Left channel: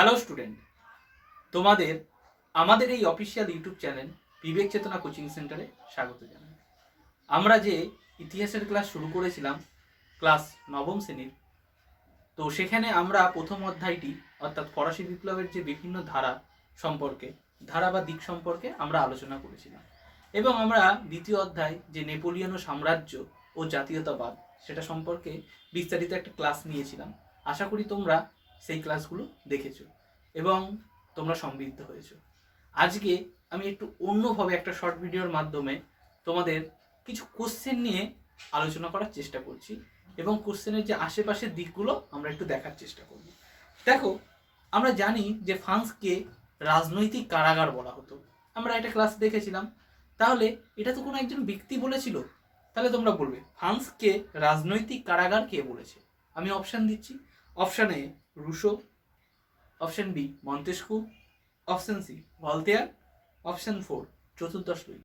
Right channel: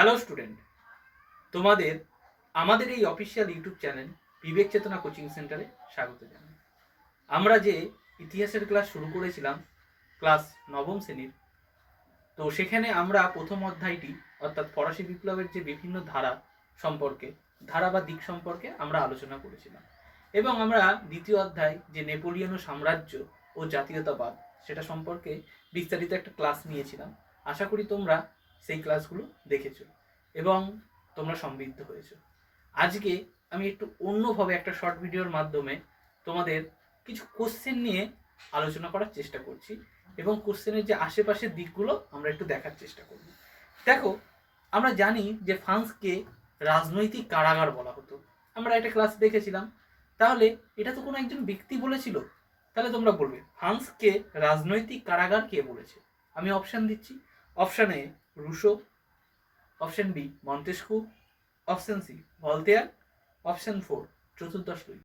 Hello student, তোমাদের আমাদের এই অফিসিয়াল ইউটিউব চ্যানেল বিবেক চেতনা কোচিং সেন্টারে স্বাগত জানাই। আমরা যে ইতিহাসের ক্লাস শুরু করেছিলাম ক্লাস নবম শ্রেণীর, তো সেখানে আমরা প্রথম অধ্যায়টি অর্থাৎ ফরাসি বিপ্লবের যে বিভিন্ন ধারা বা দিক সম্পর্কে আমরা আলোচনা করেছিলাম এবং আমরা দ্বিতীয় অধ্যায় যে নেপোলিয়ন সাম্রাজ্য ও জাতীয়তাবাদ সেটা সম্পর্কে বিস্তারিত একটা ক্লাস নিয়েছিলাম। আশা করি তোমরা সেই ক্লাসগুলো দেখেছো এবং তোমরা সমৃদ্ধ হয়েছো। আজকে আমি একটু অন্যভাবে একটা শর্ট ভিডিওর মাধ্যমে তোমাদের কিছু কোশ্চেন নিয়ে আলোচনা করার চেষ্টা করছি এবং কোশ্চেনের যে আশেপাশের দিকগুলো আমরা একটু দেখার চেষ্টা করব। দেখো, আমরা জানি যে ফ্রান্সকে রাজনৈতিক কারাগার বলা হতো, আমরা একটা ক্লাস দেখেছিলাম। তাহলে এটা তো কোনো একজন ব্যক্তি বলেছিল, তাহলে তোমরা বলবে ফ্রান্সকে রাজনৈতিক কারাগার কে বলেছে? আমি অপশান দিচ্ছি। Option A Rousseau, option B Montesquieu, option C Voltaire, option 4 চতুর্দশ লুই।